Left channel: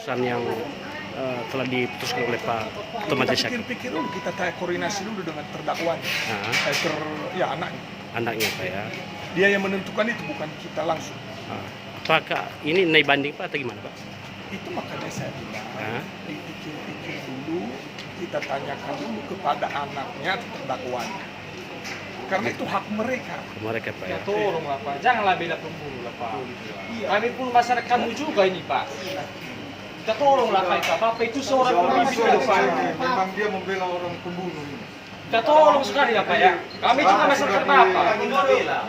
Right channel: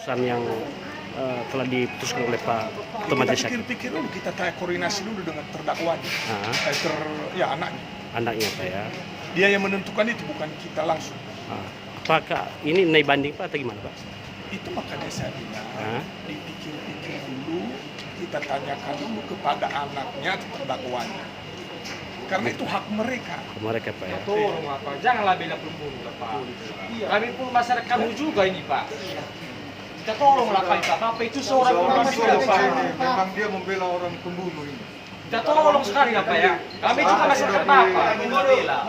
Keputusan yang telah diputuskan oleh Pak Ketua Majelis Hakim. Kita pikir-pikir dulu, kita koordinasi dulu dengan terdakwanya, anaknya. Anaknya Pak ya. Dia yang menentukan itu, bukan kita langsung. Apakah ini naik banding Pak atau gimana Pak? Itu makanya saya bilang, dipikir-pikir dulu, kita tanyakan dulu kepada anaknya atau terdakwanya. Karena itu hak mereka. Mereka Pak ya. Tolonglah Pak, janganlah bela pembunuh lah Pak. Kami pun masyarakat kami juga ini Pak. Kita tolonglah Pak, Bapak itu seorang pemimpin ke depan. Memang dia membela orang pembunuh ini. Kita tolong sekali ya Pak ya. Kami juga masyarakat Bapak.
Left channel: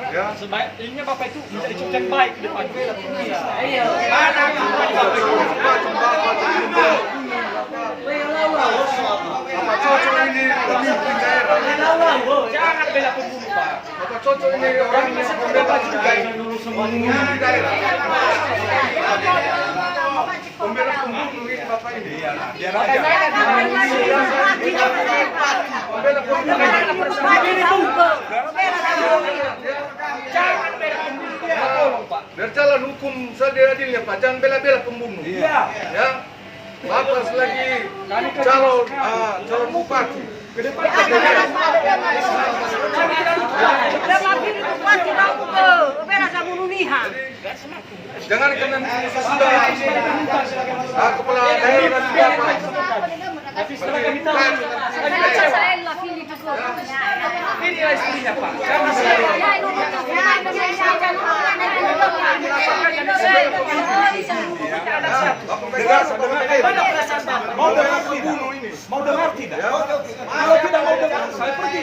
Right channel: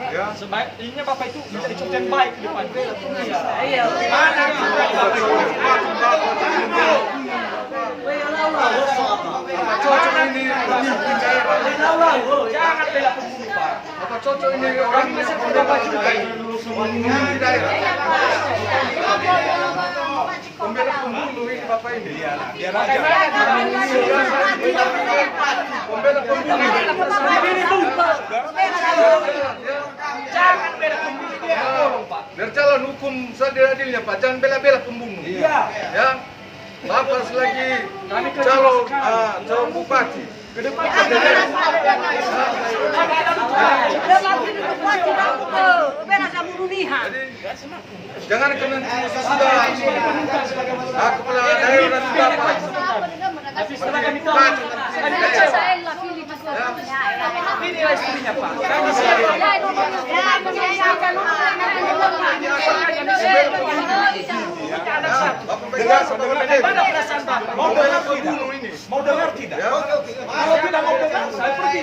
Ya. Sebaiknya Bapak itu menjadi contoh yang baik ke depan. Iya. Apa cocok ini pemimpin daerah? Jangan bela pembunuh Pak. Apa cocok ini orang yang membela pembunuh daerah? Pembela pembunuh ini Bapak ini. Biar aja. Pembela pembunuh. Jangan bela pembunuh dia. Tolong Pak. Biar jalan hukum seadil-adilnya Pak. Jangan bela-bela pembunuh. Iya. Ya. Bapak selagi calon bupati. Jangan karena sudah kepala daerah juga Pak. Tapi setelah kami tahu, kami kecewa. Inilah istrinya Pak. Karena Mau dengar pembunuh ini? Mau dengar tidak? Kalau tidak mau dengar, saya pergi.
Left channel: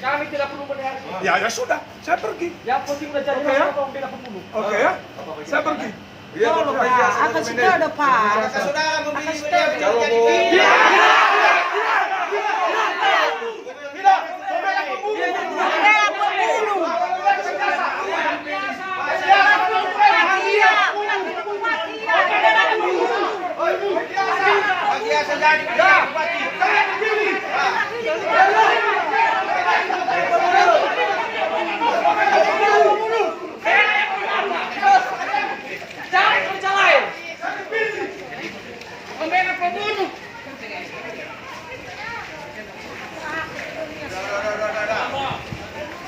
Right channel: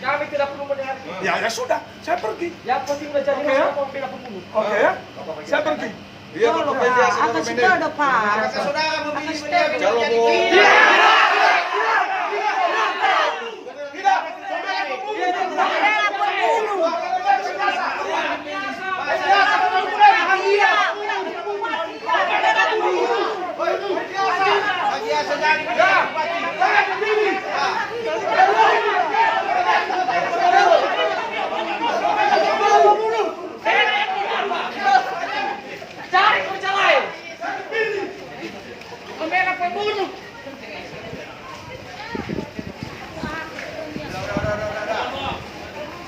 kami tidak perlu mendengar. Ya sudah, saya pergi. Yang penting menjadi orang bela pembunuh. Oke ya, saya pergi. Iya, Bapak biasa Atas saudara Pak. Saudara memilih beliau. Kalau mau Dia sudah